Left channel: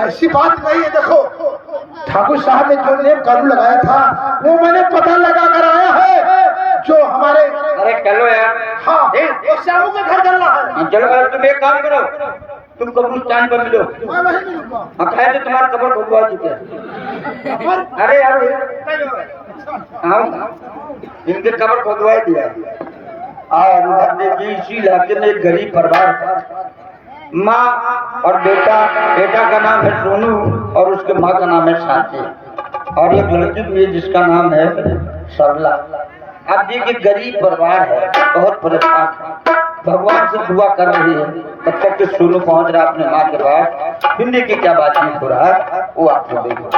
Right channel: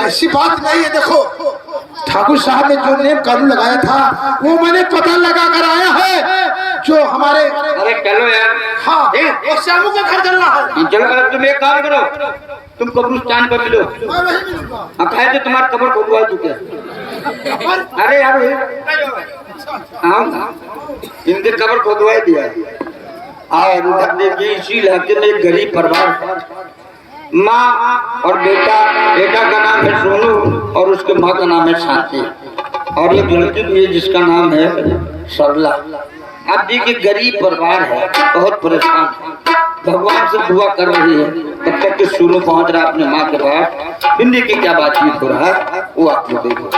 ऐसी बात नहीं है। देखो ठाकुर साहब ने जो नेम कानून लगाया था वो मैंने पता लगा कर आया है। जो हमारे अरे चलो यार। हाँ और शामू का घर चलना है। चलो तुम एक काम करो, तुम कब्रिस्तान पर मिलो। मैं वहीं मिलूंगा। अब है तो तुम्हारा कब्र खुदवा चुके। अरे यार आओ इनके कब्र खुदवा दिया। और उधर देखिए इसी इलाके में एक गरीब परिवार है, माँ और बेटा। बेटा का नाम है सोनू और उसके माँ का नाम है शांति, और एक लड़की भी है जिसका नाम है सरला। आप देखिए गरीब परिवार है, बहुत परेशान है, भगवान से दुआ कर रही है। तब तक कि सोनू पहुंच रहा अपने माँ के पास। हिंदी की क्या बातचीत हो रहा है वो आप लोग देखो।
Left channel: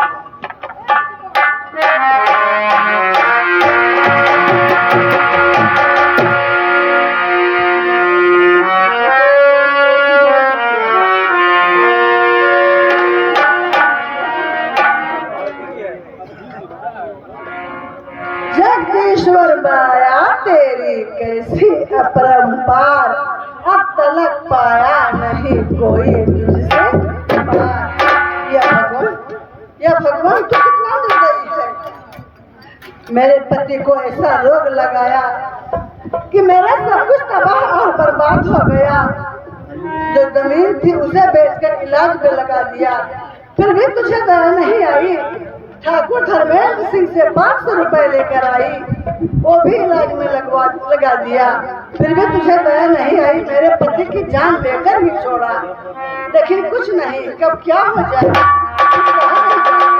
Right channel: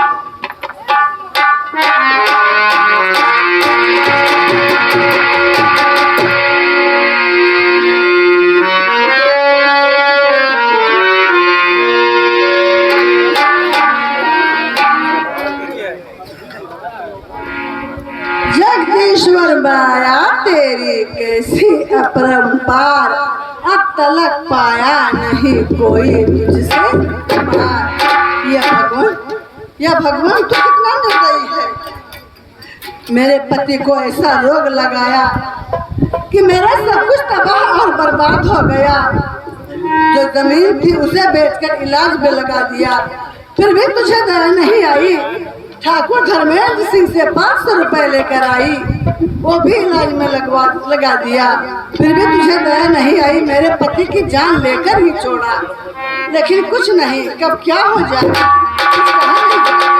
जगदीश्वर माया तेरी कैसी अपरंपार, अब तलक पाया नहीं कोई तुझसे पार। यह भगवान तो कितना निर्दयी है। मेरे पति को ऐसा रोग लगाया कि मेरा सब कुछ तबाह और बर्बाद हो गया। जो जमीन थी उसे बेचकर इलाज में लगा दिया, फिर भी तुझे दया नहीं आई। ठाकुर धर्मेंद्र सिंह से 500 रुपए लेकर आई, वो भी इलाज में लगा दिया, फिर भी तुझे दया नहीं आई। मेरे पति की जान लेकर ही छोड़ा, लेकिन कुछ नहीं, कब क्या हो जाए कुछ कहा नहीं जाए।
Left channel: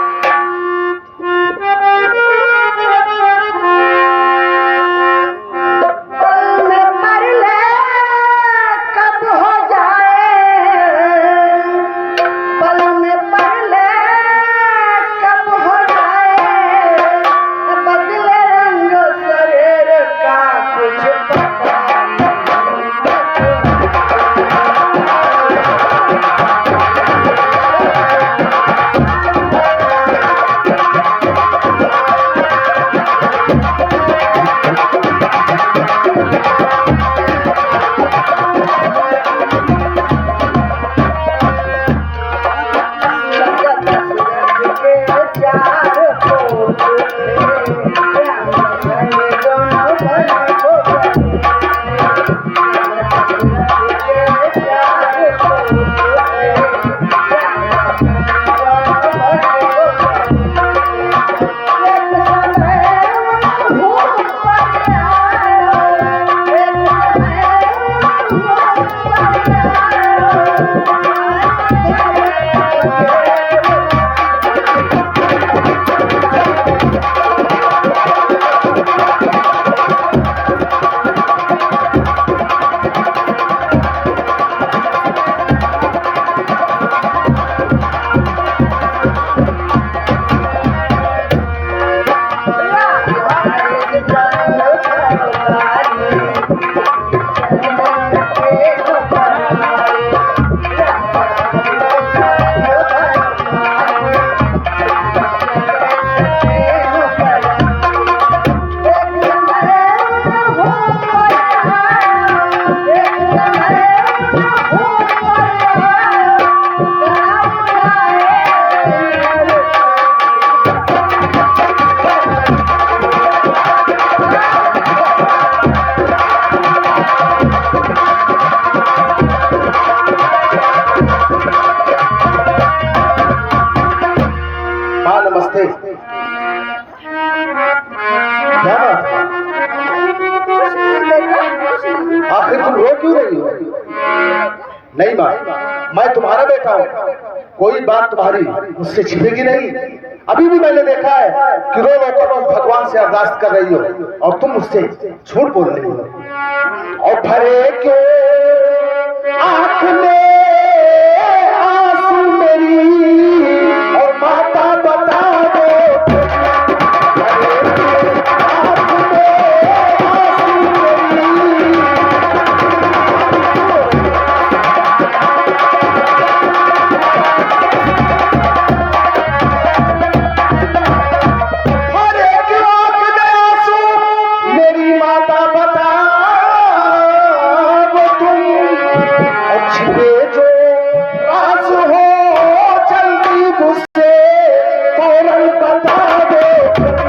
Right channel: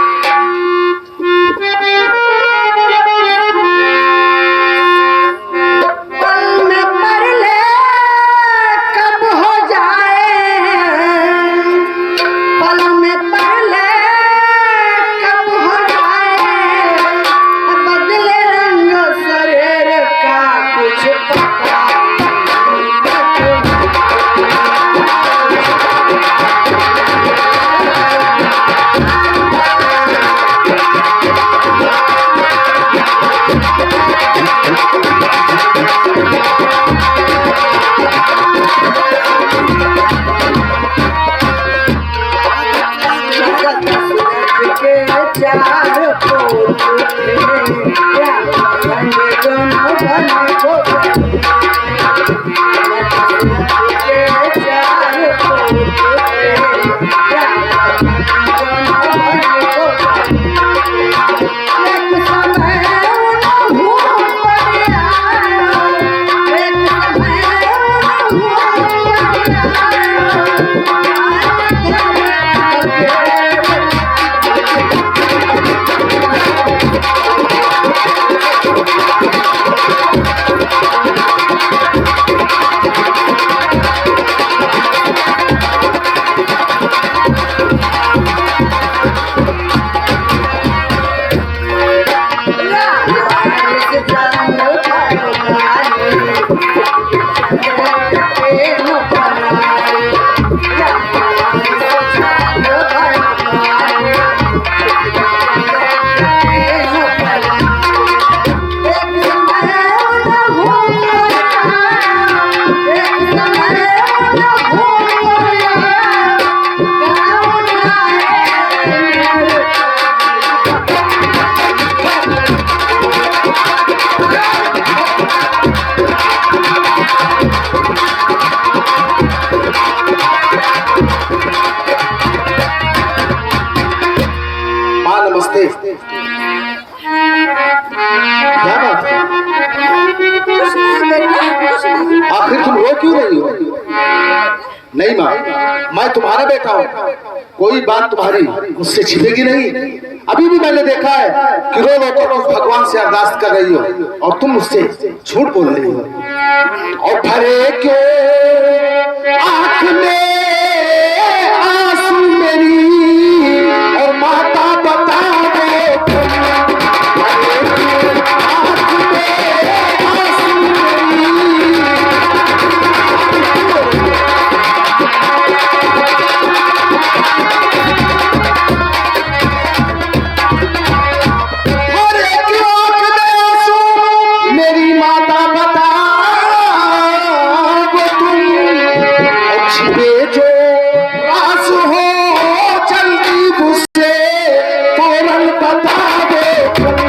क्या बात है? आखिर तुम रो क्यों रही हो? नहीं माँ, मैं तुम्हारा बेटा हूँ, कोई बात तुम्हारी मुझसे छिपेगी नहीं। अभी भी मैंने देखा है कि रोज भगवान से अरदास कर रही हो और तुम मुझसे झूठ बोल रही हो। और भरे क्यों आँख में आंसू मेरी और माता बता दो। बता दो